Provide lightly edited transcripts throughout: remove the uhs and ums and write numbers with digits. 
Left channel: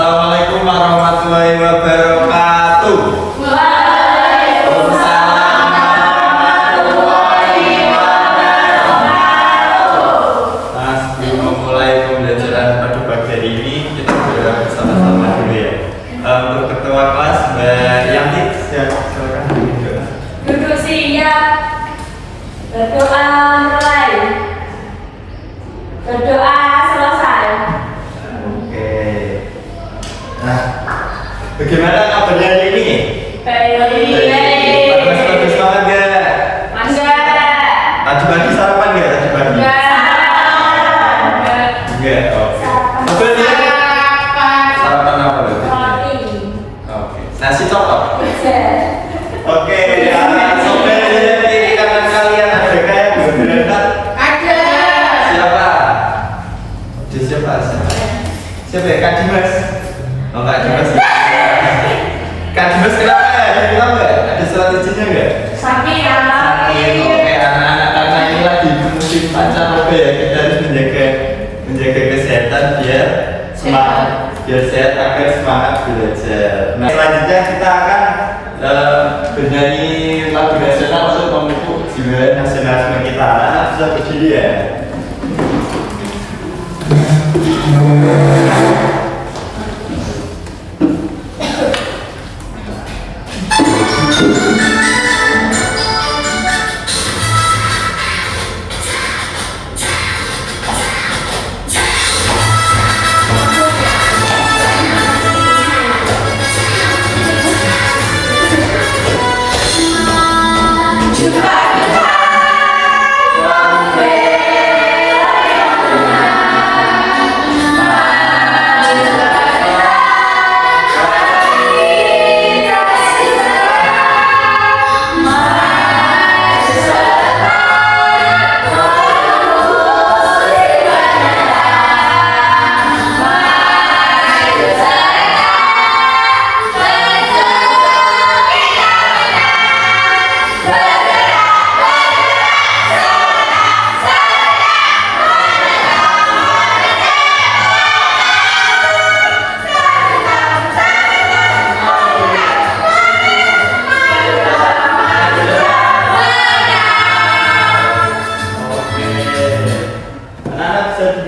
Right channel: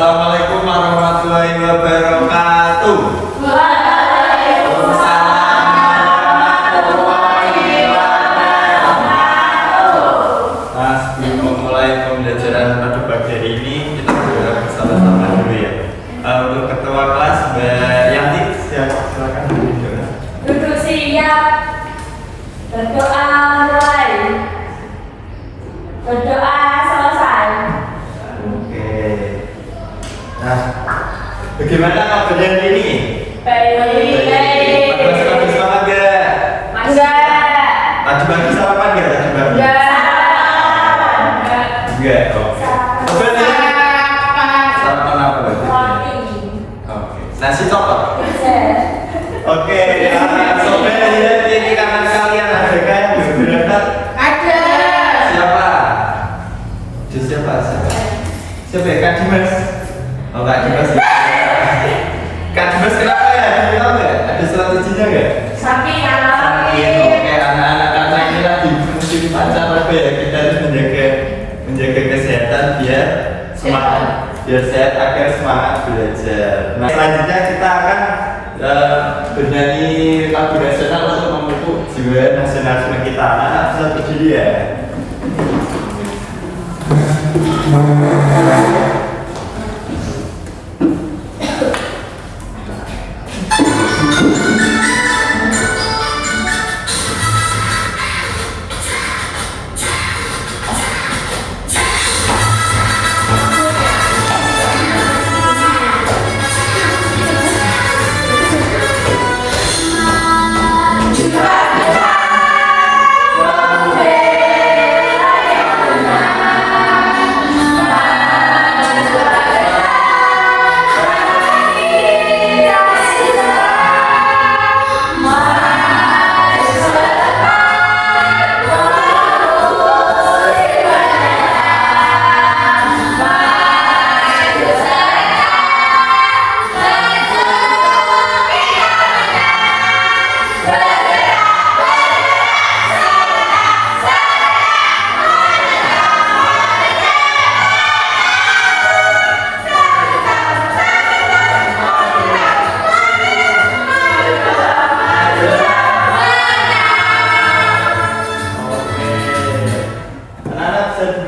Assalamualaikum warahmatullahi wabarakatuh. Waalaikumsalam warahmatullahi wabarakatuh. Nah, sebelum memulai pembelajaran pada pagi hari ini, kita berdoa bersama-sama dulu ya. Untuk ketua kelas Mbak Yanti, silakan berdoa. Duduk siap. Berdoa mulai. Berdoa selesai. Oke. Nah, bagaimana kabarnya hari ini? Baik. Bagus banget gak? Enggak. Tadi pagi sarapan gak? Tadi pagi? Enggak. Oke. Coba dia. Sarapan apa berarti? Roti. Oke. Nasi coklat. Pizza. Oke. Sobat lihat kiri kanan kalian ada yang belum berangkat? Ada. Siapa? Siapa? Siapa ya? Kak Dimas? Oh, Kak Dimas. Kak Dimas kenapa ya? Ada bilang nggak? Ada strateginya nggak? Sapi anak. Oke, anak-anak karena ini lagi musim pancaroba ya, kita harus menjaga kesehatan biar semangat, biar sehat agar semangat belajar. Nah, selanjutnya kita akan bernyanyi lagu nasional untuk memupuk jiwa nasionalisme kita. Anak-anak bisa berdiri ya.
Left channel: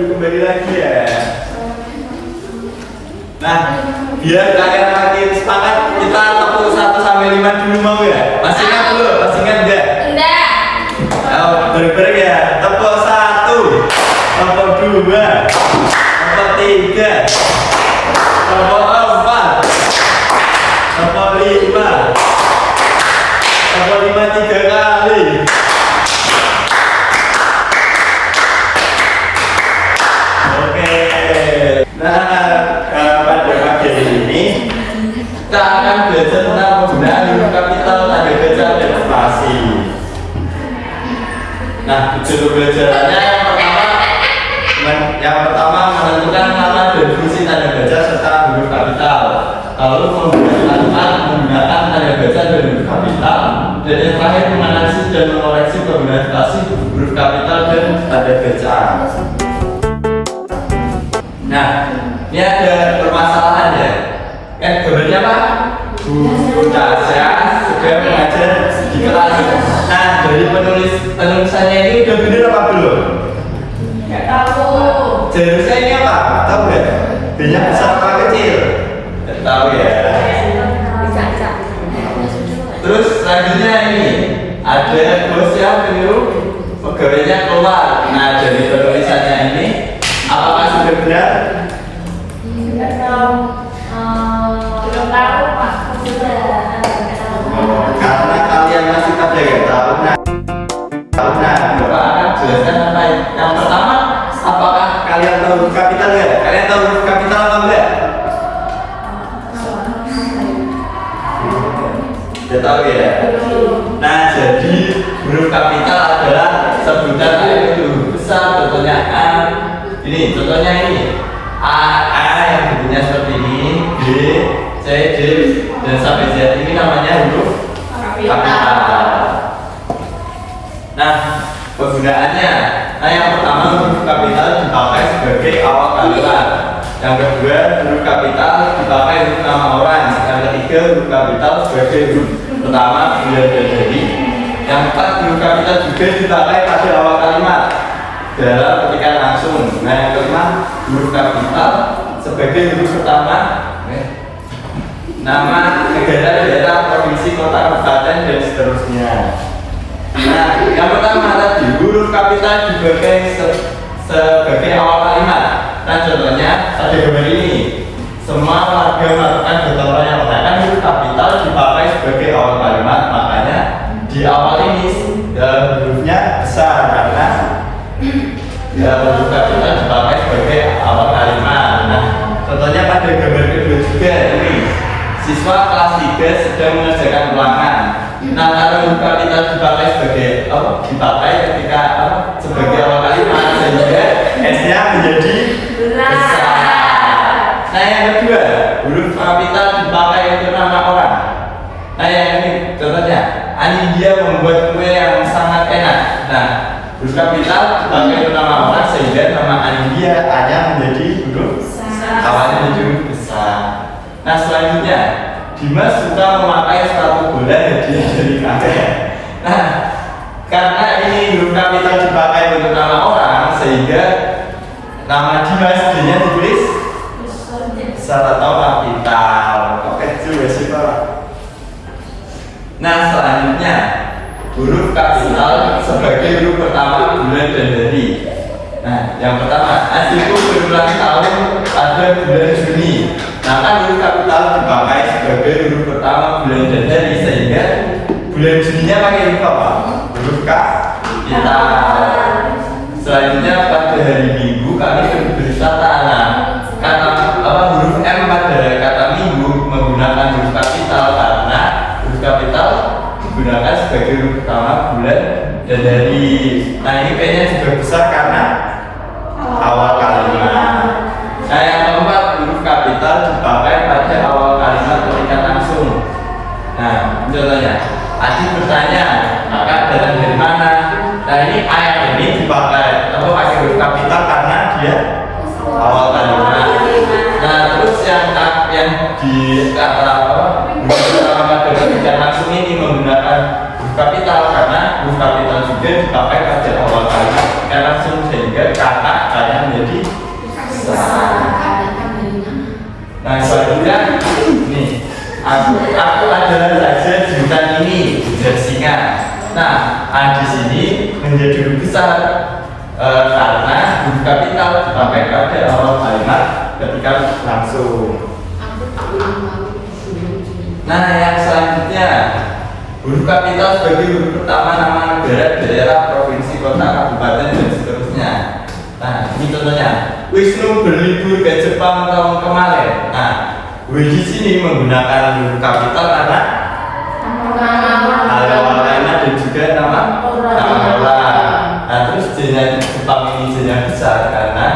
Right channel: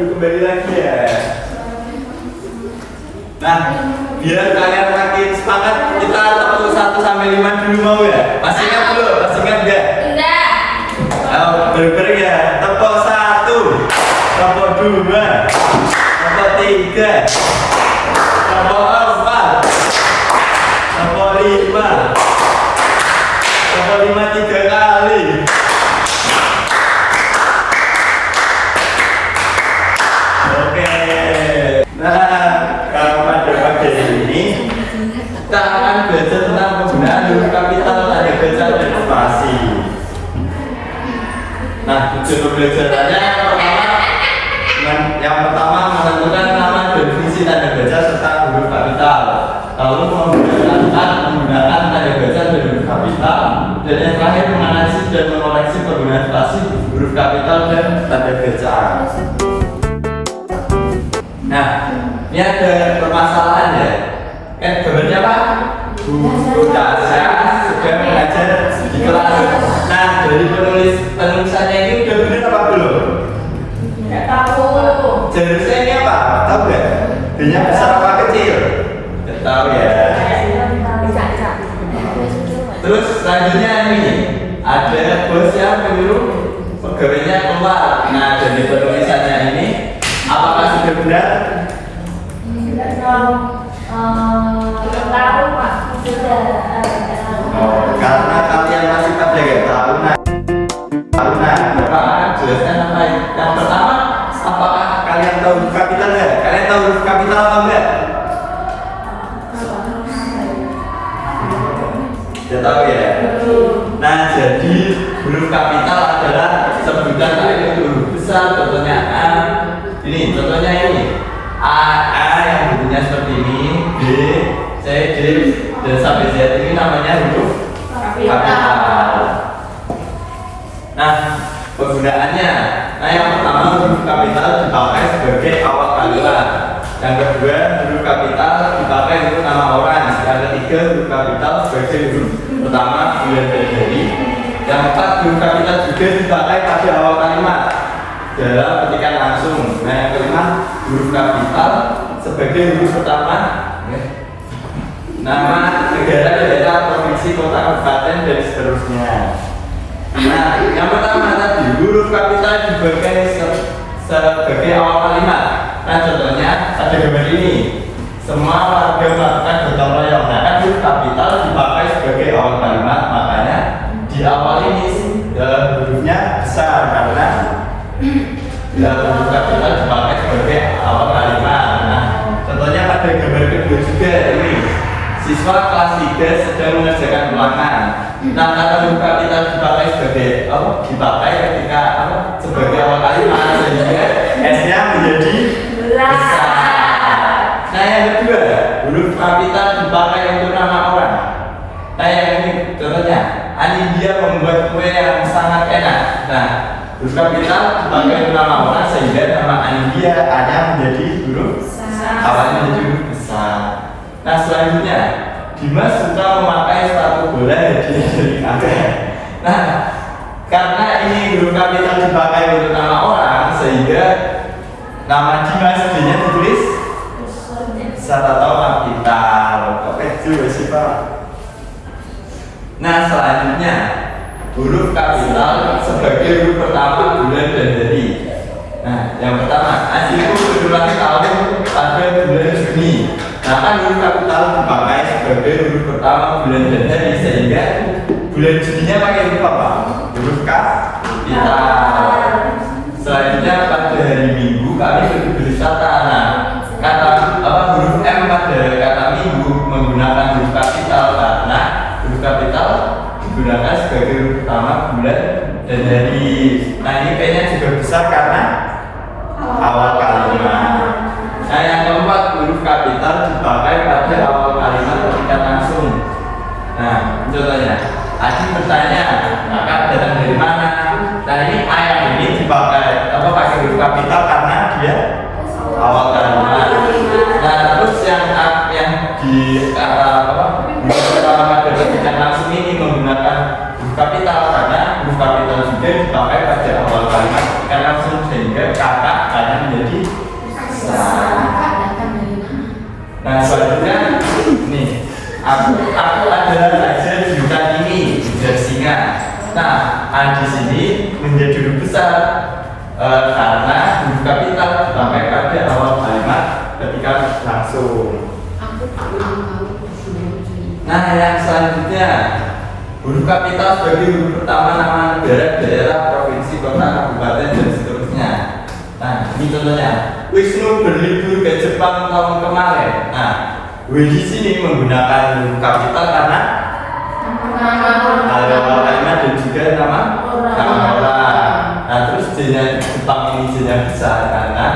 Kembali lagi ya. Nah, biar kalian makin semangat, kita tepuk 1 sampai 5 dulu mau ya? Masih ingat dulu? Masih ingat enggak? Enggak. Bareng-bareng ya. Tepuk 1, tepuk 2, tepuk 3, tepuk 4, tepuk 5, tepuk 5 3 kali. Pada pagi ini kita akan belajar tentang penggunaan huruf kapital, tanda baca, dan spasi. Nah, tujuan pembelajarannya yang pertama menentukan nama dan fungsi tanda baca serta huruf kapital. Lalu menggunakan tanda baca dan huruf kapital. Dan yang terakhir menganalisis dan mengoreksi penggunaan spasi, huruf kapital dan tanda bacaan. Nah, ini ada permasalahan ya. Kan gambarnya apa? Bu Tasya sedang mengajar di kelas. Nah, dari penulisannya ini udah benar apa belum? Enggak tahu. Jarusnya ini apa? Tahu nggak? B-nya besar apa kecil? Nggak tahu ya. Terus selanjutnya ini ada bos yang menyuruh pegawainya keluar. Nah, dari penulisannya ini apakah sudah benar? Enggak tahu. Belum tahu Pak. Sudah. Karena kalian masih pada nggak tahu. Nah, Bapak akan jelaskan apa yang pertama. Apakah kalian tahu huruf kapital nggak? Kalian tahu huruf kapital apa enggak? Sudah tahu ya. Nah, jadi huruf kapital adalah sebutan dari huruf besar. Contohnya A. Ini contohnya ini. A yang bunyinya seperti ini, B, C, D, dan sampai Z ini namanya huruf kapital. Nah, penggunaannya, yang pertama huruf kapital dipakai sebagai awal kalimat. Yang kedua, huruf kapital dipakai untuk nama orang. Yang ketiga, huruf kapital sebagai huruf pertama bulan dan hari. Yang keempat, huruf kapital juga dipakai pada awal kalimat dalam ketikan langsung. Nah, yang kelima, huruf kapital sebagai huruf pertama nama negara, daerah, provinsi, kota, kabupaten, dan seterusnya. Nah, yang pertama tadi huruf kapital dipakai sebagai awal kalimat. Nah, contohnya pada gambar ini, semua warga melakukan gotong royong. Nah, kan huruf kapital dipakai sebagai awal kalimat, makanya di awal ini hurufnya besar karena huruf kapital dipakai sebagai awal kalimat. Nah, contohnya pada gambar kedua juga ini, siswa kelas 3 sedang mengerjakan ulangan. Nah, karena huruf kapital dipakai sebagai sebagai awal kalimat, sehingga S-nya menjadi besar. Nah, yang kedua, huruf kapital dipakai untuk nama orang. Nah, yang ini contohnya, Anindya membuat kue yang sangat enak. Nah, huruf kapital dipakai untuk nama orang sehingga nama Anindya hanya menjadi huruf awalnya menjadi huruf besar. Nah, selanjutnya, Dimas suka memakai sepatu bola yang dari kakek. Nah, karena ini huruf kapital dipakai untuk nama orang sehingga nama Dimas D-nya ditulis besar atau kapital. Oke juga sih Pak. Nah, selanjutnya huruf kapital sebagai huruf pertama bulan dan hari. Nah, yang pertama, adikku berulang tahun pada bulan Juni. Nah, kan huruf kapital dipakai sebagai huruf pertama bulan dan hari, sehingga bulan Juninya pakai huruf apa? Huruf kapital. Selanjutnya pada hari Minggu kami berwisata. Nah, kata huruf M pada kata Minggu menggunakan huruf kapital karena huruf kapital digunakan sebagai huruf pertama bulan dan hari. Nah, ini P-nya juga besar karena awal kalimat. Nah, yang keempat, huruf kapital dipakai pada awal kalimat ketika langsung. Nah, contohnya, Adi bertanya, kakak datang dari mana? Nah, ini ayat ini dipakai pakai huruf kapital karena dia awal kalimat. Nah, terus yang di huruf pertama pada ketika langsung ini menggunakan huruf kapital karena huruf kapital juga dipakai pada awal kalimat ketika langsung, sehingga kakak hanya menjadi Nah, selanjutnya nih, aku adalah raja di hutan ini, ujar singa. Nah, di sini menjadi huruf besar karena huruf kapital dipakai pada awal kalimat ketika langsung. Nah, yang selanjutnya huruf kapital sebagai huruf pertama nama negara, daerah, provinsi, kota, kabupaten, dan seterusnya. Nah, ini contohnya, Wisnu berlibur ke Jepang tahun kemarin. Nah, W di sini menggunakan huruf kapital karena awal kalimat dan juga nama orang. Nah, terus J-nya Jepang ini J-nya besar karena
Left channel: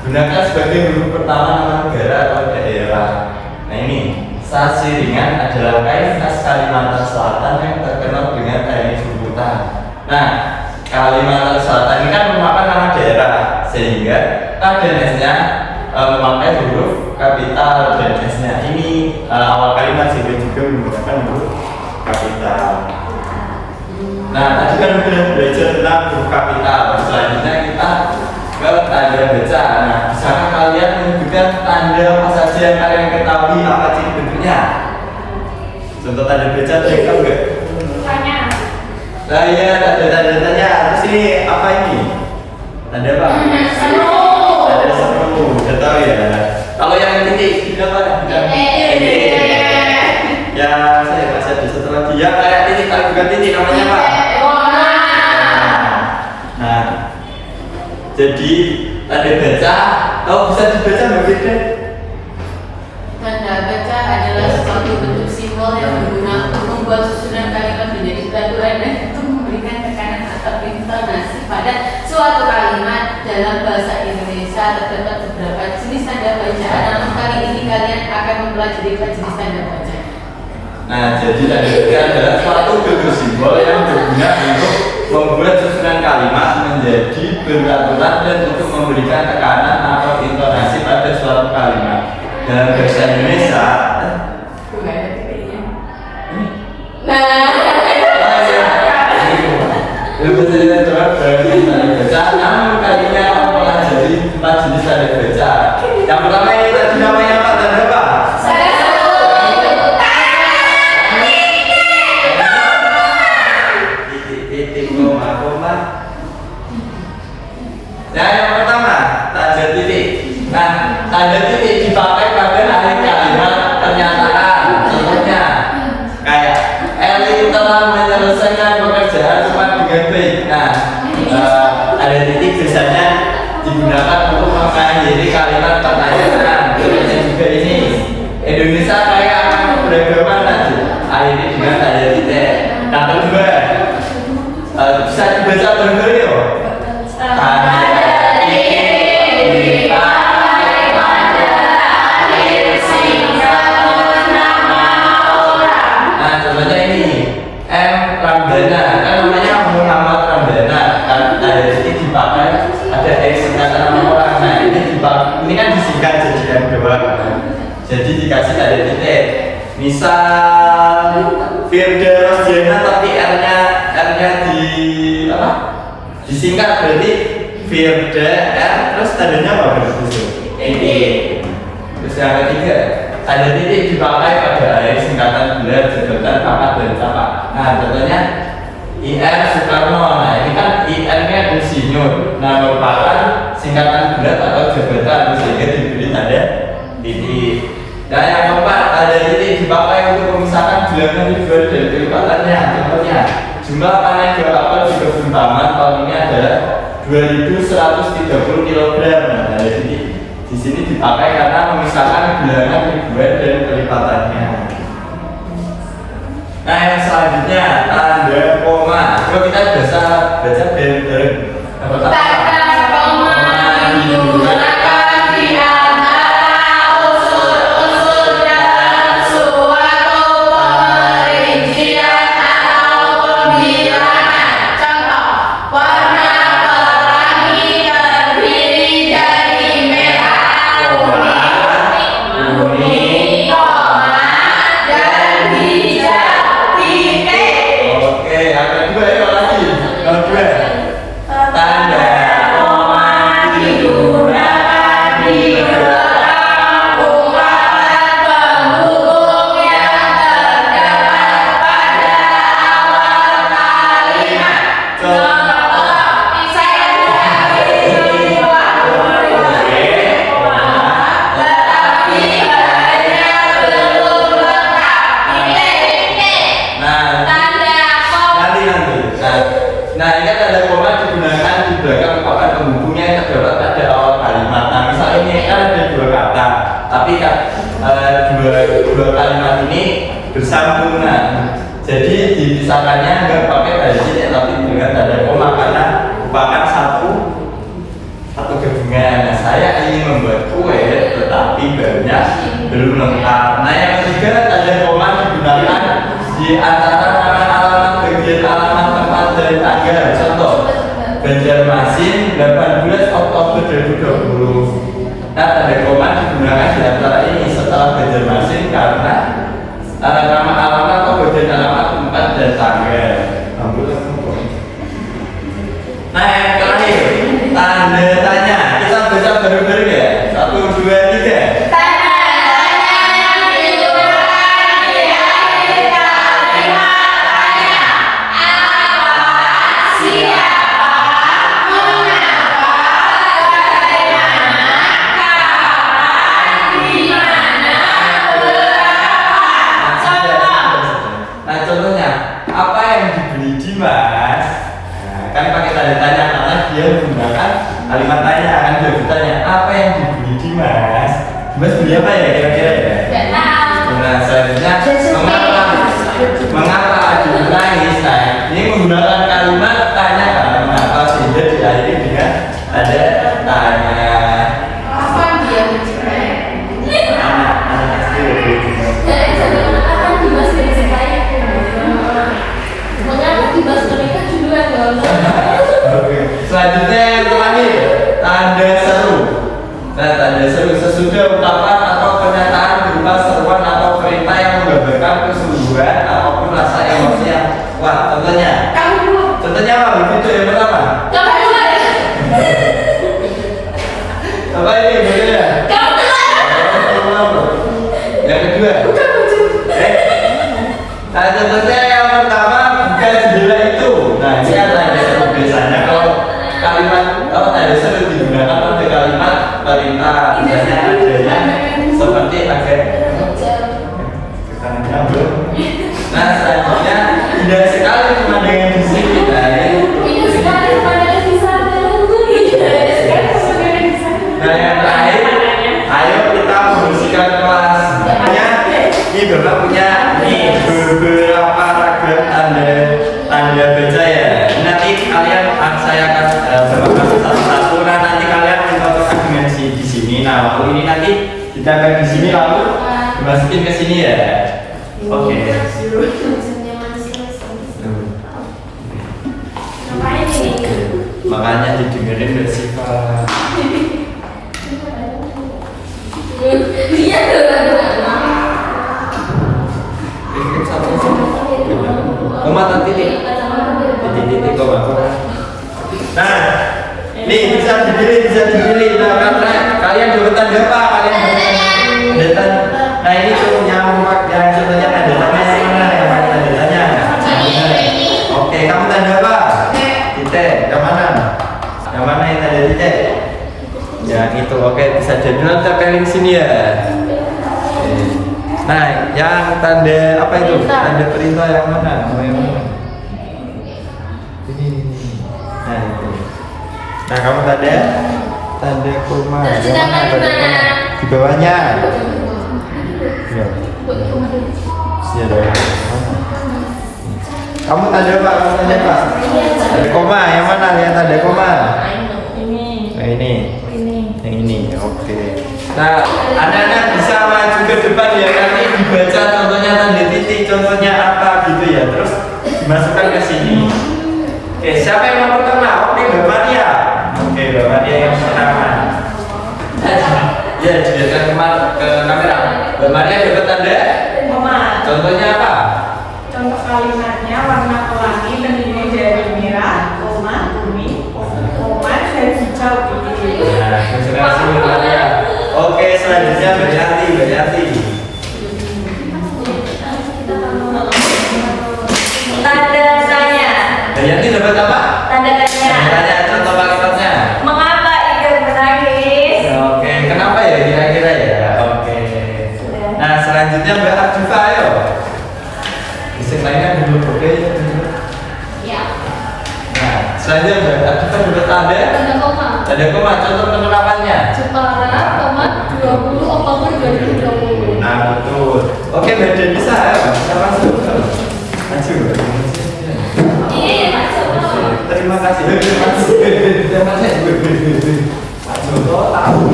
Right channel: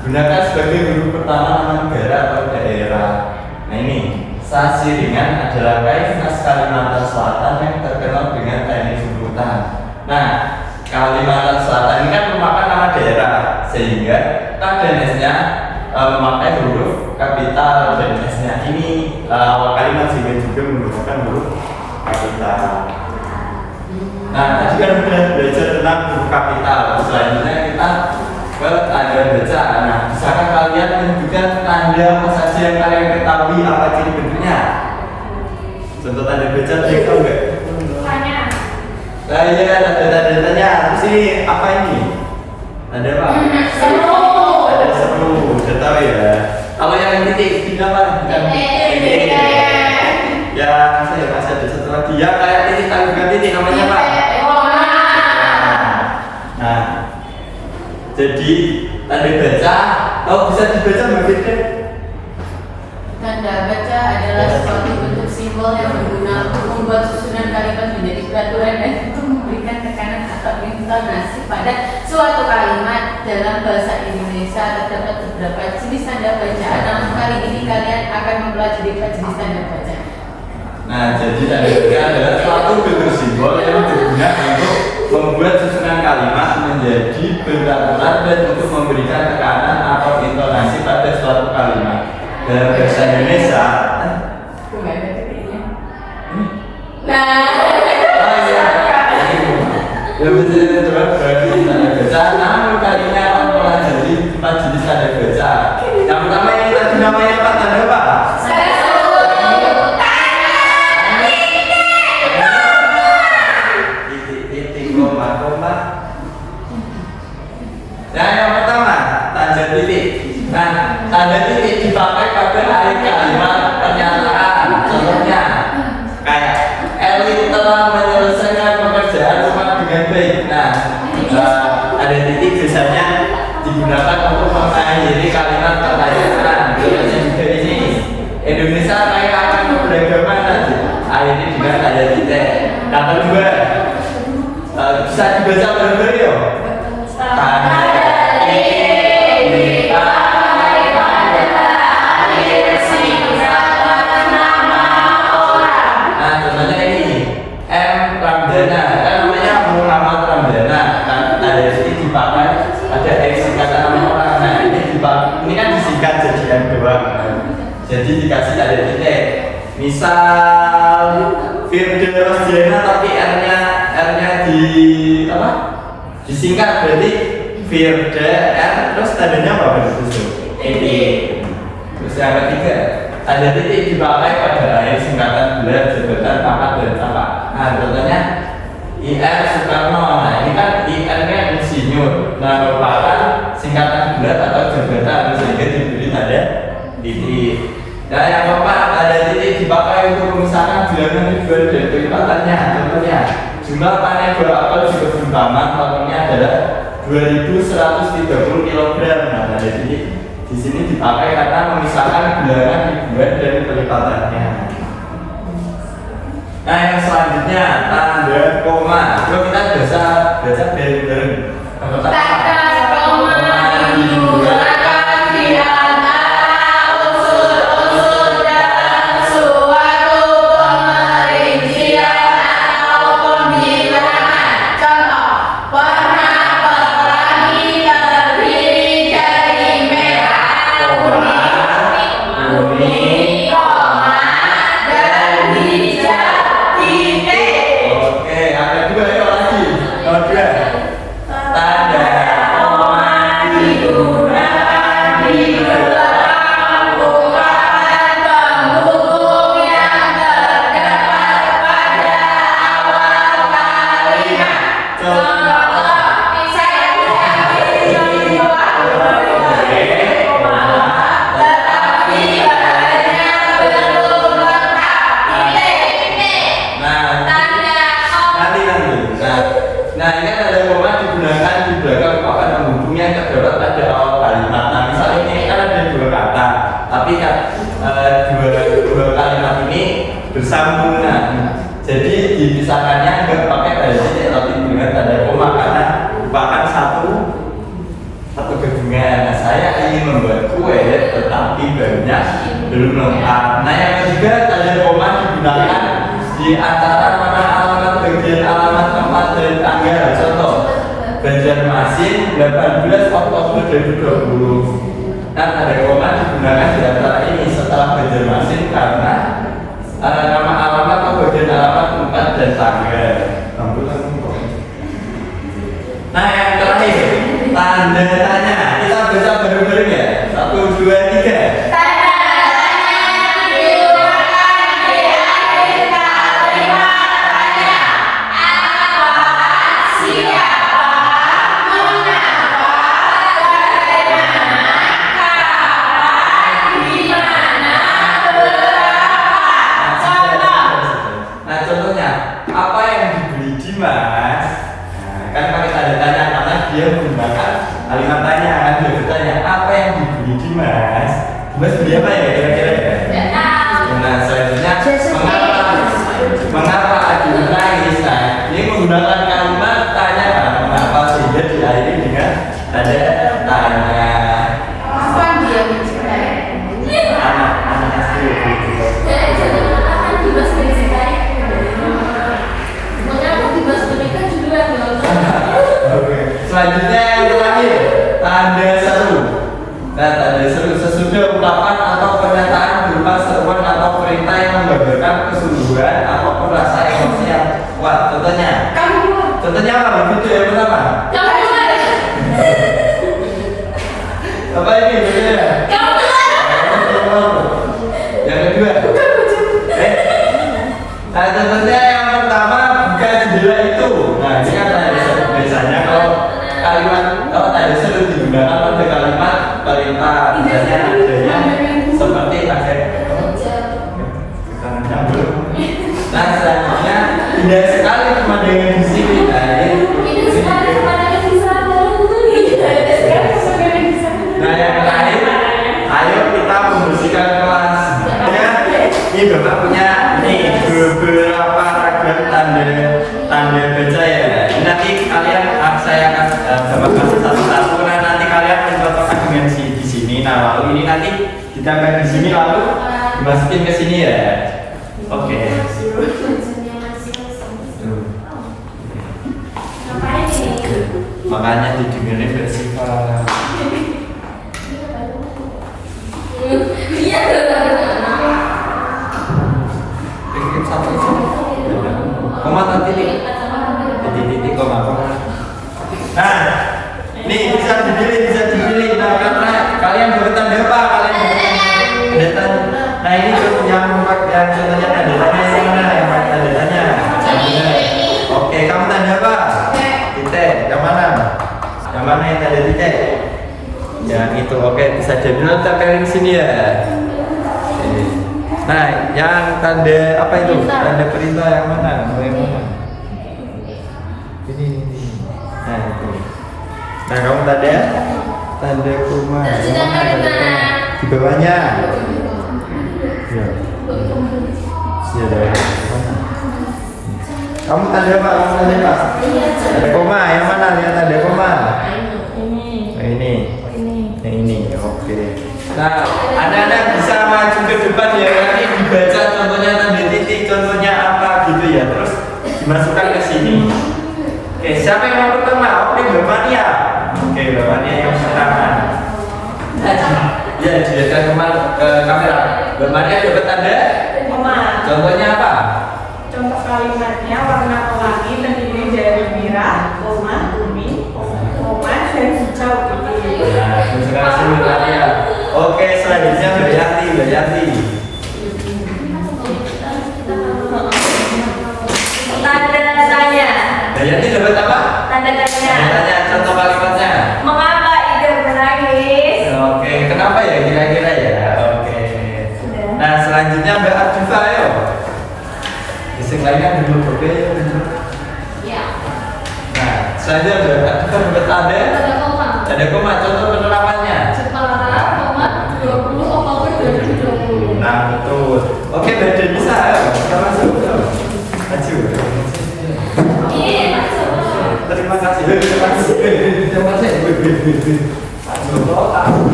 digunakan sebagai huruf pertama nama negara atau daerah. Nah, ini Sasiringan adalah kain khas Kalimantan Selatan yang terkenal dengan kain sebutan. Nah, Kalimantan Selatan ini kan merupakan nama daerah, sehingga K dan S-nya memakai huruf kapital dan S-nya ini awal kalimat, sehingga juga menggunakan huruf kapital. Nah, tadi kan sudah belajar tentang huruf kapital. Selanjutnya kita ke tanda baca. Nah, bisakah kalian menunjukkan tanda apa saja yang kalian ketahui, apa ciri bentuknya? Contoh tanda baca, ada yang tahu nggak? Nah, iya, ada tanda-tandanya. Terus ini apa ini? Tanda apa? Seru. Ada seru. Udah tahu ya. Kalau yang titik ini apa? Titik. Ya, saya masih ada satu lagi. Ya, kayak titik tapi bukan titik. Namanya apa? Nah, jadi tanda baca. Oh, bisa dibaca begitu? Tanda baca adalah suatu bentuk simbol yang berguna untuk membuat susunan kalimat menjadi peraturan dan untuk memberikan tekanan atau intonasi pada suatu kalimat. Dalam bahasa Indonesia terdapat beberapa jenis tanda bacaan, namun kali ini kalian akan mempelajari jenis tanda baca. Nah, jadi tanda baca adalah suatu bentuk simbol yang berguna untuk membuat susunan kalimat menjadi beraturan dan untuk memberikan tekanan atau intonasi pada suatu kalimat. Dalam bahasa Indonesia, Tuh nggak ada titiknya. ini Nah, Betul-betul berarti tanda baca. Namun kalinya akan mempelajari 4 jenis tanda baca. Yang pertama ini tadi namanya apa? Tanda apa? saya Titik, koma. Nah, yang pertama tanda titik. Nah, tanda titik dipakai pada akhir kalimat pernyataan. Contohnya kayak Eli telah menyelesaikan pekerjaan rumah dengan baik. Nah, ada titik biasanya digunakan untuk mengakhiri kalimat pertanyaan. Contohnya juga ini Indonesia kaya akan keberagaman tadi. Akhirnya dengan tanda titik. Yang kedua bisa dibaca bareng-bareng yuk. Tanda titik dipakai pada akhir singkatan nama orang. Nah, contohnya ini M. Ramdana, kan namanya Muhammad Ramdana. Kan tanda titik dipakai pada akhir singkatan nama orang. Nah, ini kan disingkat jadi M doang. Jadi dikasih tanda titik. Misal Firda Rosdiana tapi R-nya di apa? Disingkat berarti Firda R terus tandanya apa berarti? Titik. Terus yang ketiga, tanda titik dipakai pada akhir singkatan gelar, jabatan, pangkat dan apa. Nah, contohnya IR Soekarno. Nah, ini kan IR-nya insinyur. Nah, merupakan singkatan gelar atau jabatan sehingga diberi tanda titik. Nah, yang keempat, tanda titik dipakai untuk memisahkan bilangan ribuan dan kelipatannya. Contohnya, jumlah panen buah apel di kebun taman tahun ini adalah 2.130 kg. Nah, tanda titik di sini dipakai karena memisahkan bilangan ribuan dan kelipatannya. Nah, yang selanjutnya tanda koma. Coba kita baca bareng-bareng. Yang pertama, tanda koma digunakan di antara unsur-unsur dalam suatu pemerincian atau pembilangan. Contoh, warna pelangi terdiri dari merah, kuning, koma, dan hijau. oke, yang kedua ya lagi. Yang kedua, tanda koma Digunakan di belakang ungkapan penghubung yang terdapat pada awal kalimat. Contoh, saya punya tetapi hanya belum lengkap. Titik. Nah, Tanda koma. nanti. Nah, ini kan tanda koma digunakan di belakang ungkapan penghubungnya yang terdapat pada awal kalimat. Nah, misalnya ini kan ada dua kata, tapi kan dua kalimat ini bersambungan. Jadi dipisahkannya nggak pakai tanda titik tapi dengan tanda koma karena merupakan satu gabungan. Nah, saya ingin membuat kue tetapi bahannya belum lengkap. Nah, yang ketiga tanda koma digunakan di antara nama alamat, bagian alamat, tempat dan tanggal. Contoh, Banjarmasin 18 Oktober 2020. Nah, tanda koma digunakan di antara ini setelah Banjarmasin karena nama alamat, bagian alamat, tempat dan tanggal. Nah, yang terakhir tanda tanya. Kita baca bareng-bareng ya. 1, 2, 3. Tanda tanya yang digunakan di akhir kalimat tanya. Apa, siapa, mengapa, bagaimana, kapan, di mana, berapa. Contoh. Nah, contohnya apa yang dibeli Dimas? Nah, kan pakai tanda tanya karena dia menggunakan kalimat tanya. Kan dia bertanya apa yang dibeli Dimas? Dimas beli apa ya kira-kira ya? Tidak tahu. Nah, selanjutnya mengapa Adi menangis? Nah, ini menggunakan kalimat tanya kan mengapa sehingga diakhiri dengan ada tanya. Kapan dia mencintai? Anak SD Jadi sebenarnya Dimas mencintai. Mengapa Dimas menikah duluan Oke. Selanjutnya yang terakhir tanda seru. Nah, tanda seru sesudah ungkapan atau pernyataan berupa seruan atau perintah yang menggambarkan kesungguhan ataupun rasa emosi yang kuat. Contohnya apa? Itu yang pertama. Apa ini bedanya? Yang kedua. Nah, contohnya yang pertama buka jendela itu. Nah, ini ada biasanya kalau ada seru digunakan pada kalimat perintah, misalnya adanya seperti agar kita menyambut. Nah, selanjutnya indah sekali pemandangan di sini. Nah, yang terakhir, ayo kita membersihkan kelas. Ini Bapak punya beberapa ragam tanda baca ya. Nanti kalian saya akan Bapak kasih satu-satu. Nah, nanti kalian mencontohkan dengan di sini. Nah, lalu ini nanti ditempel di sini lalu dimasukin ke sini ya. Oke. Makanya didengerin bersifat. Koma titik koma. Nah, nih bisa dipilih. Nah, karena kalian dapat tanda apa? Nah, ini yang contohnya tanda tanya yang mana? Yang pakai tanda tanya. Oke, kamu tanda apa? Titik. Yang mana? Yang mana yang tanda titik? Yang itu. Oke, bisa jadi tempelin sini ya. Nah, yang tanda apa itu? Tanda perintah yang mana? Mau yang mana? Ini. Nah, itu. Nah, kamu tanda koma. Yang mana tanda koma? Di bawahnya. Ya. Ya, mana? Kamu tanda apa? Tanda koma. Yang mana? Yang tanda koma? Ini. Nah, ini. Yang ini. Oke. Nah, anak-anak bisa maju ke depan ya, nanti dibaca contohnya tanda titik, contohnya apa gitu ya, terus dimasukkan ke sini. Oke, siapa yang mau pertama? Oke, Mbak Maria. Oke, Mbak Maria yang pertama. Ya, dilihatkan ke kamera. Mbak Maria dapat tanda? Koma. Contohnya apa? Contoh kalimatnya warna pelangi terdiri dari merah, koma, kuning, koma, dan hijau. Nah, konsentrasi Mbak Maria. Oke, selanjutnya Mbak Yanti. Tanda tanya. Mbak Yanti dapat apa? Tanda tanya. Contoh kalimatnya. Mengapa Ida menangis? Oke, kenapa ya kira-kira ya? Oke. Nah, selanjutnya Mbak Ardifa, ayo. Bisik lainnya dulu berbeda ya. Nah, selanjutnya Mbak Ardifa dapat tanda koma. Contoh penerapannya. Jepara, 20 Oktober 2020. Nah, betul. Oke, Mbak Denisa, ayo. Kita masuk. Maju. Terima kasih. Tahu.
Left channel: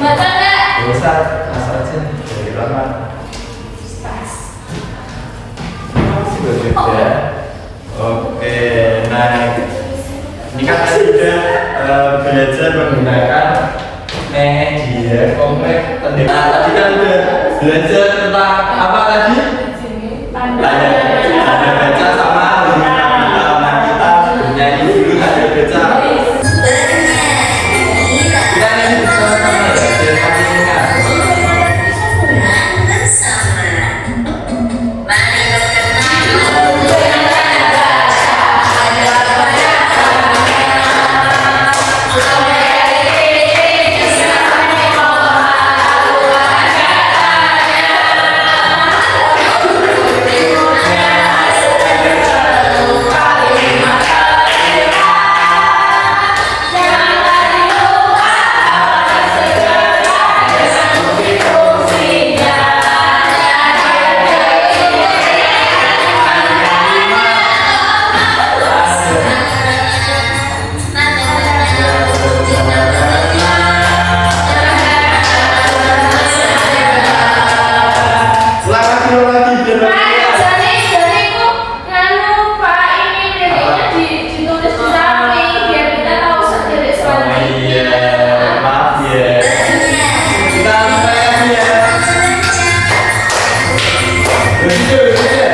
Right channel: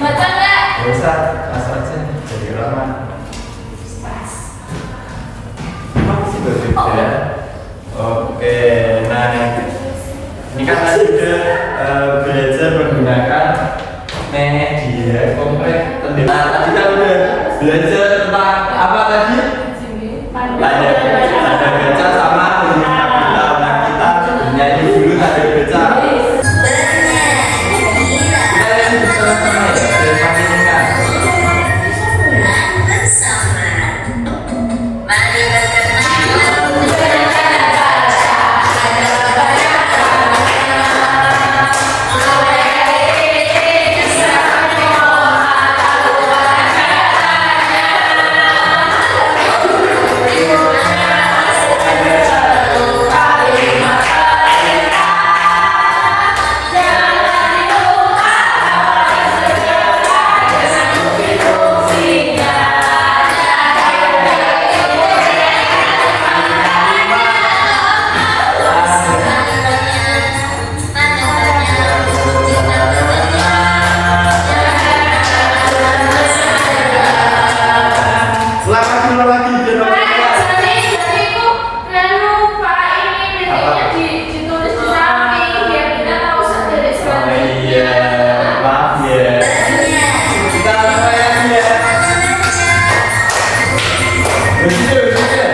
Baca nggak? Usah, asal aja dari laman. Masih berbeda. Oke, nah ini kan tadi udah belajar menggunakan media kompleks. Nah, tadi kan udah belajar tentang apa tadi? Tanda baca sama huruf kapital. Nah, kita bernyanyi dulu tanda baca. Kita nyanyi bersama-sama ya, biar makin ingat. ya. Kita mulai lagi ya. Begitu ya.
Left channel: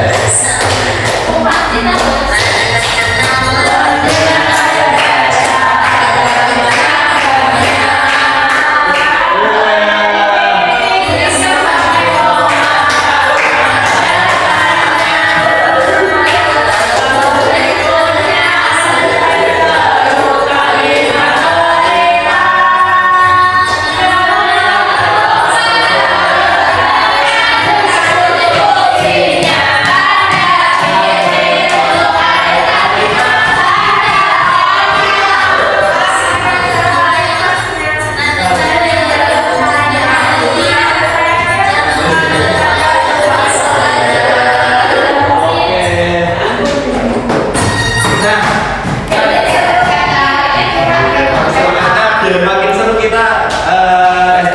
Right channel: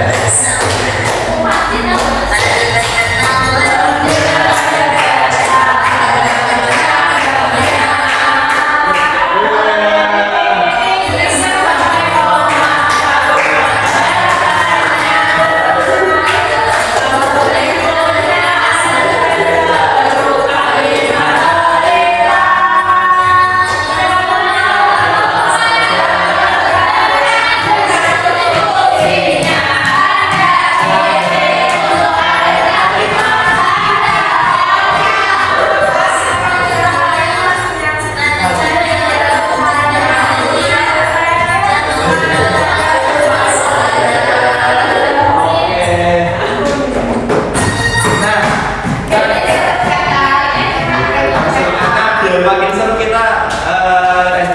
Makin seru kita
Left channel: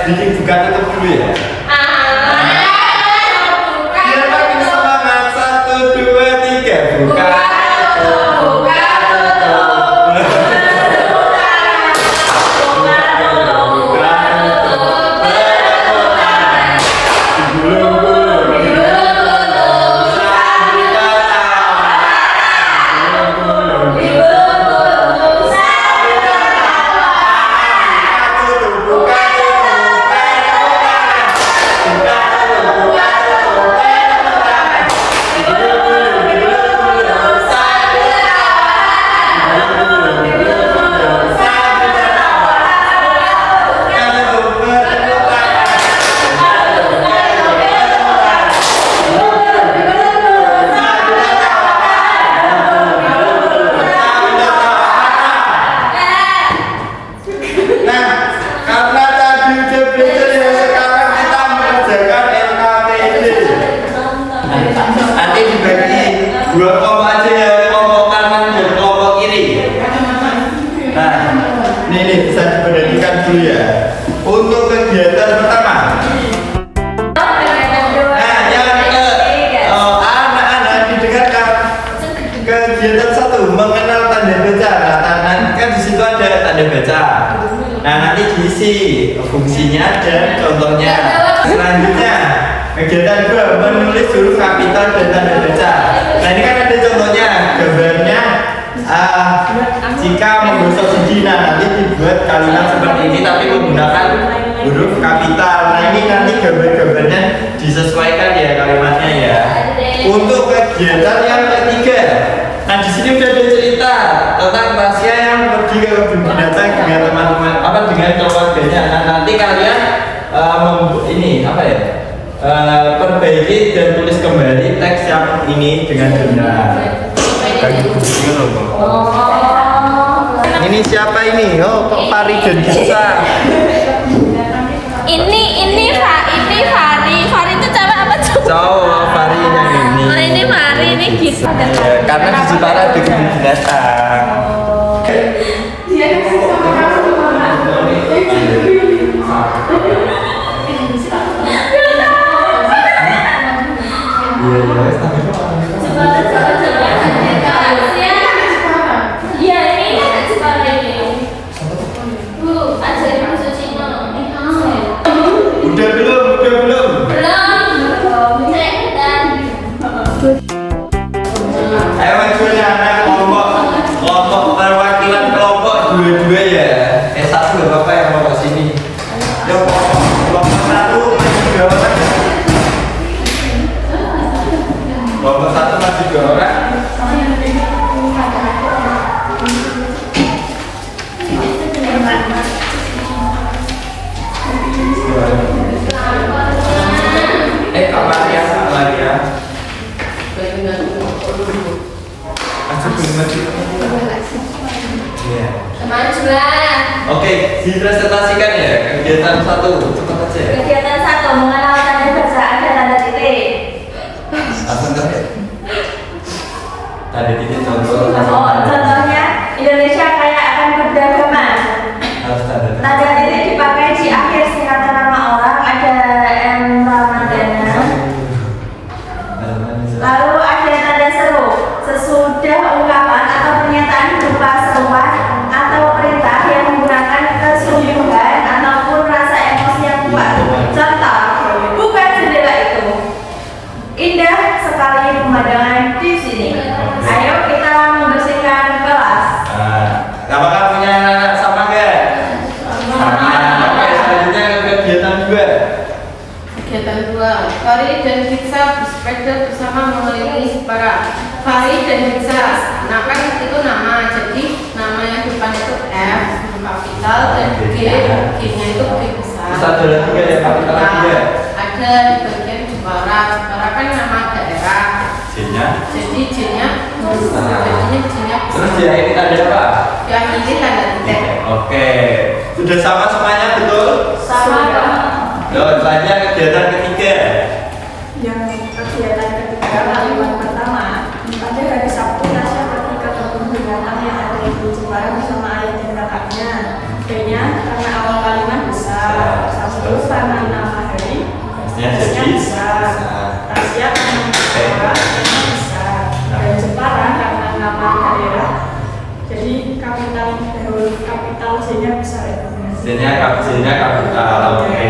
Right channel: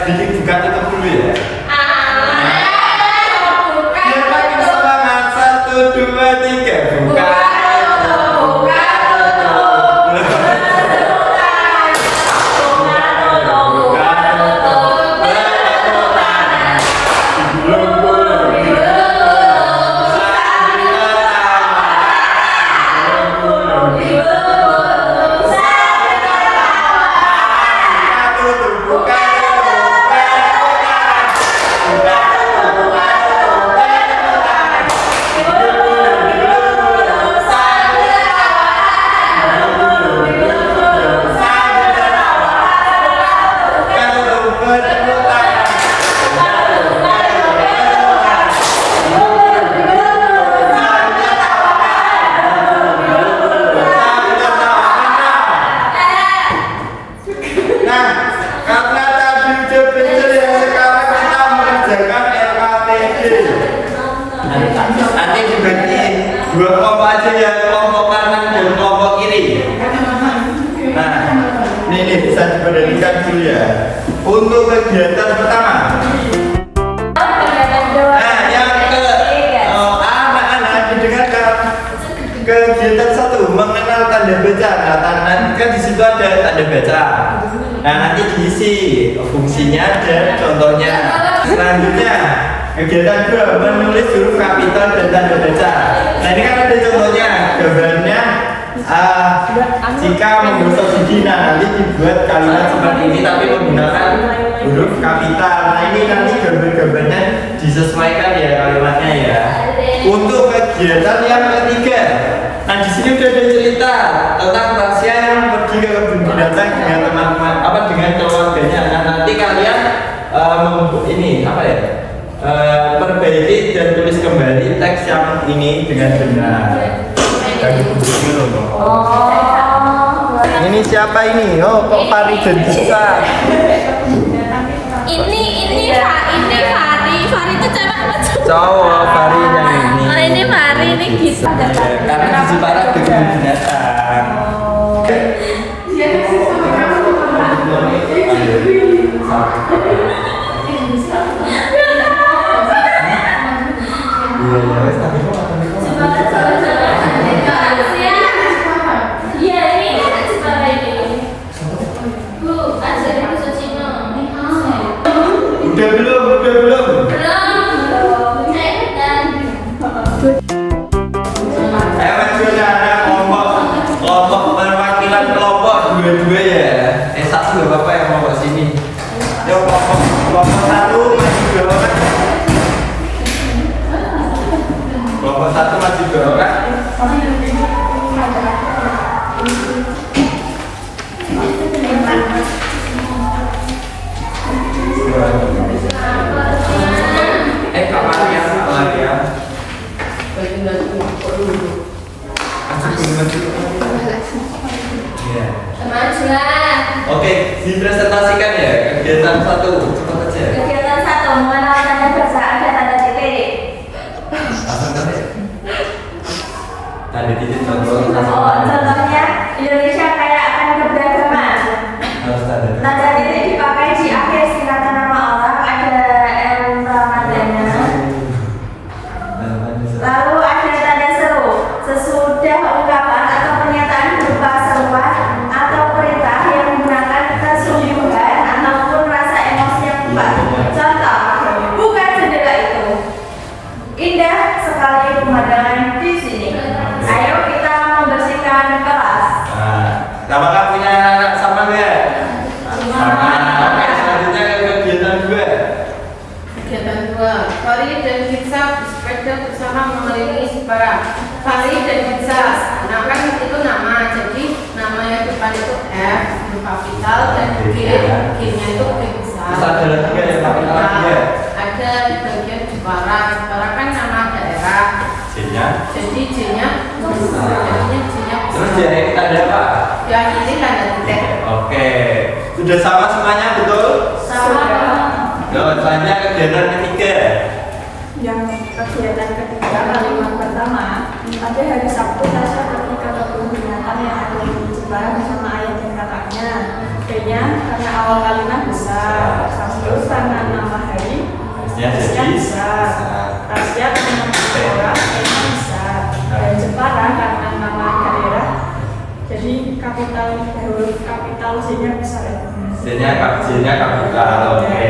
bikin buka tutup dulu ya. Biar makin semangat 1, 2, 3 buka. Nanti dibagi 2 kelompok aja ya, kelompok kanan dan kelompok kiri. Nah, ini bisa diperhatikan dulu ya. Untuk kegiatan pertama. Nah, yang anak-anak didengarkan. Kegiatan 1 mengenal tanda baca. Nah, nanti kan di situ ada tanda baca. Nah, nanti diisi fungsinya dan contohnya. Selanjutnya kegiatan 2 menulis huruf kapital dan tanda baca. Nah, ini kan ada contohnya, gambarnya jika menggosok gigi. Nah, nanti dibuat kalimat seperti ini tapi menggunakan huruf kapital. Nah, ini nanti gambar-gambarnya disesuaikan ya kalimatnya ya. Untuk kegiatan yang ketiga, nah di sini udah ada cerita tentang Tasya yang pergi ke kebun binatang dengan teman-teman dengan keluarganya. Nah, nanti kalian ini apa ya? Perbaiki dan tulis kembali teks yang ini dengan benar. Ini siapa ini? Oh, kok Fari dan Gisa? Ini Fari itu cewek apa cowok? Cowok, Fari yang ini. Oh, ini Fari, ini Gisa. Ya, karena di situ ada kebun binatang. Iya, ini sekolah ini. Bu, ajarin bahasa Cina. Udah belum? Belum. Cepetan. Ayo maju anak kelompok perwakilan kelompok 2 ya. 1 nggak apa-apa yang mau ke sini. Yuk kelompok 1 maju 2 orang. Kelompok 1 maju 2 orang. Kak Maria, maju. Iya. Majulah. Oke, dipresentasikan ya kegiatan 1, cepat aja. Kegiatan 1 mengenal tanda baca, ada tanda titik. Langsung kan ya? Tanda titik contoh. Contohnya Indonesia kaya akan keberagaman. Harus tanda. Tanda titik dipakai di akhir singkatan nama orang, ada M Ramadana. Lalu ada tanda seru. Sesudah ungkapan atau pernyataan berupa seruan atau perintah yang menggunakan kesungguhan ataupun Fari dan Hitsa bersepeda bersama mengelilingi Jepara. Fari dan Hitsa, nah kan itu nama, jadi nama yang depan itu F, huruf kapital, dan G-nya itu G besar. Terus ada lagi kan yang kapital lagi ya? Ada di bagian Jepara. Jepara kan nama daerah. J-nya. Jadi J-nya besar. Jadinya J-nya besar. Terus dia ini tanda apa? Ya ini tanda titik. Oke. Sudah sama semuanya betul? Sama. Selanjutnya kegiatan ketiga. Yang kegiatan ketiga kalimat pertama, pada hari Sabtu Tasya pergi ke kebun binatang yang ada di Jepara bersama ayah dan kakaknya. B-nya karena awal kalimat besar, Sabtu karena nama hari, Ya, Tasya jadi besar, Tasya karena Jepara, Enya besar, dan Jepara karena nama daerah. Jadi kapital huruf kapital J-nya besar ya. J-nya kapital. Oke.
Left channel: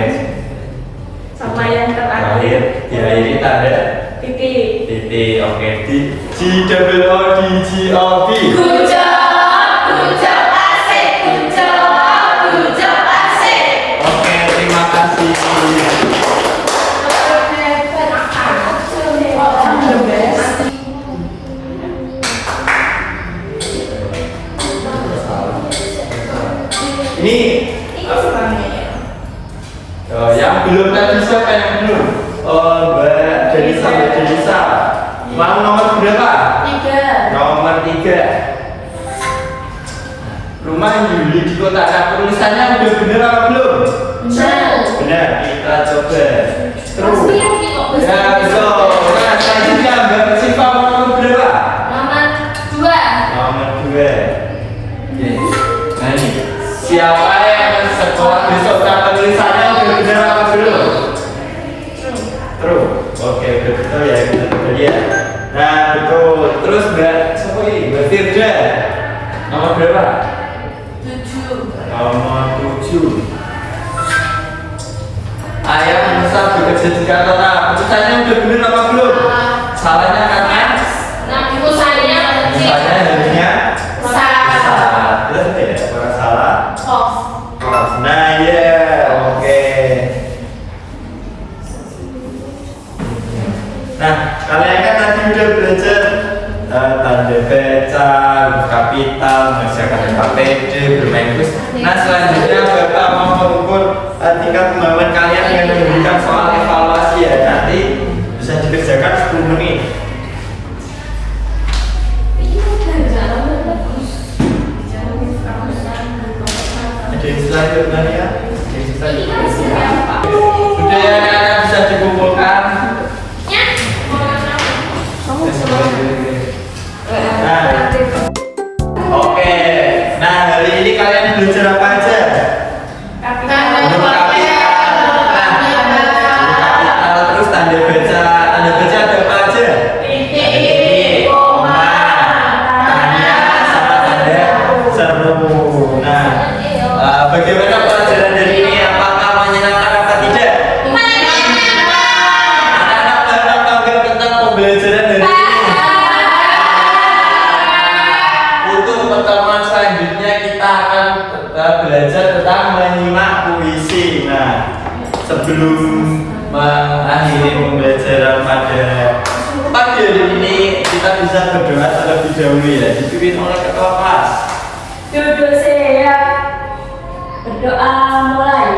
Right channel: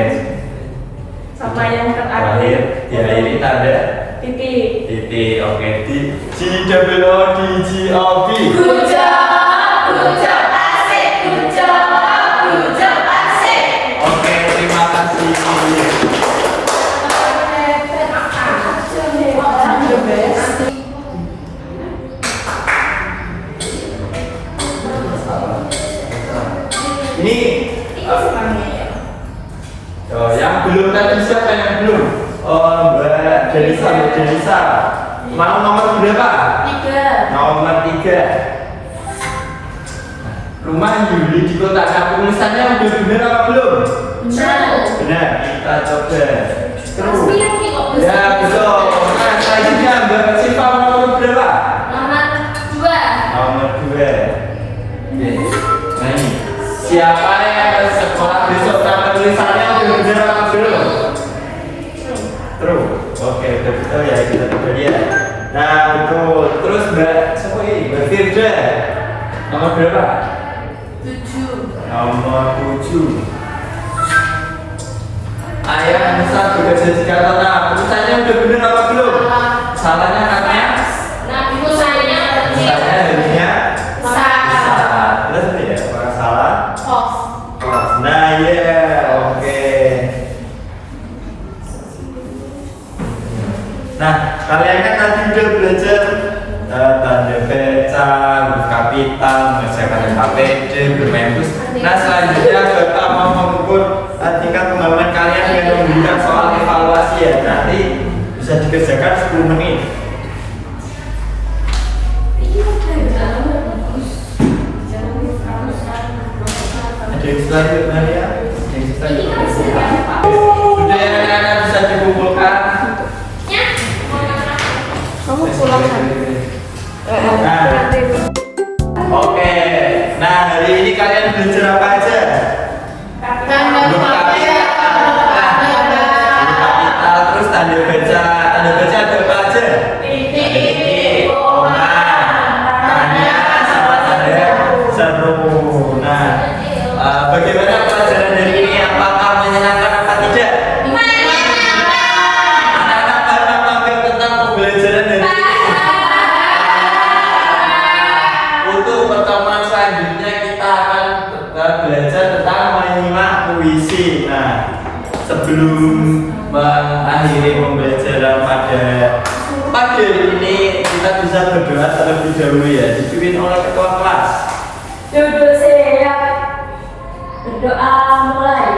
Sama yang Terakhir, terakhir, ya ini tanda titik. titik. Oke, di G-O-D-G-O-B. Good job, asik. Good job, asik. Oke, terima kasih. The best. Ini oh, yang belum tadi siapa yang belum? Oh, Mbak Denisa. Mau nomor berapa? 3. Nomor 3. Rumah Yuli di kota penulisannya udah bener apa belum? Benar, kita coba. Terus. Ya, betul. Nah, selanjutnya Mbak Siva mau nomor berapa? Nomor 2. Oke. Nah ini, siapa yang akan sekolah besok? Penulisannya udah bener apa belum? True. Oke, udah betul ya, kita coba lihat. Nah, betul. Terus Mbak, siapa ini? Mbak Firda. Nomor berapa? 7. Nomor 7. Ayah memesan bekerja di Jakarta. Putusannya udah bener apa belum? Salahnya katanya? Misalnya Harusnya salah. salah. Terus apa ya? Apakah salah? Off. Nah, ya, oke. Nah, kalian kan tadi udah belajar tanda baca, huruf kapital, mengerjakan LKPD, bermain bus. Nah, selanjutnya Bapak mau mengukur tingkat pemahaman kalian dengan memberikan soal evaluasi ya. Nanti bisa dikerjakan 10 menit. Ada yang selanjutnya ya? Ada yang selanjutnya. Sudah ya, anak-anak bisa dikumpulkan. Kamu pulang Nah, oke. Nah, hari ini kalian belajar apa aja? Huruf kapital. Nah, huruf kapital, terus tanda baca. Tanda baca ada apa aja? Titik, koma, tanya, sama tanda seru. Nah, bagaimana pelajaran dari ini? Apakah menyenangkan apa tidak? Anak-anak paham apa enggak tentang pembelajaran dari ini? Untuk pertemuan selanjutnya kita akan belajar tentang menyimak puisi. Nah, sebelum mengakhiri pembelajaran pada pagi hari ini, kita bisa berdoa terlebih dahulu ya, dipimpin oleh ketua kelas. Duduk siap. Berdoa mulai.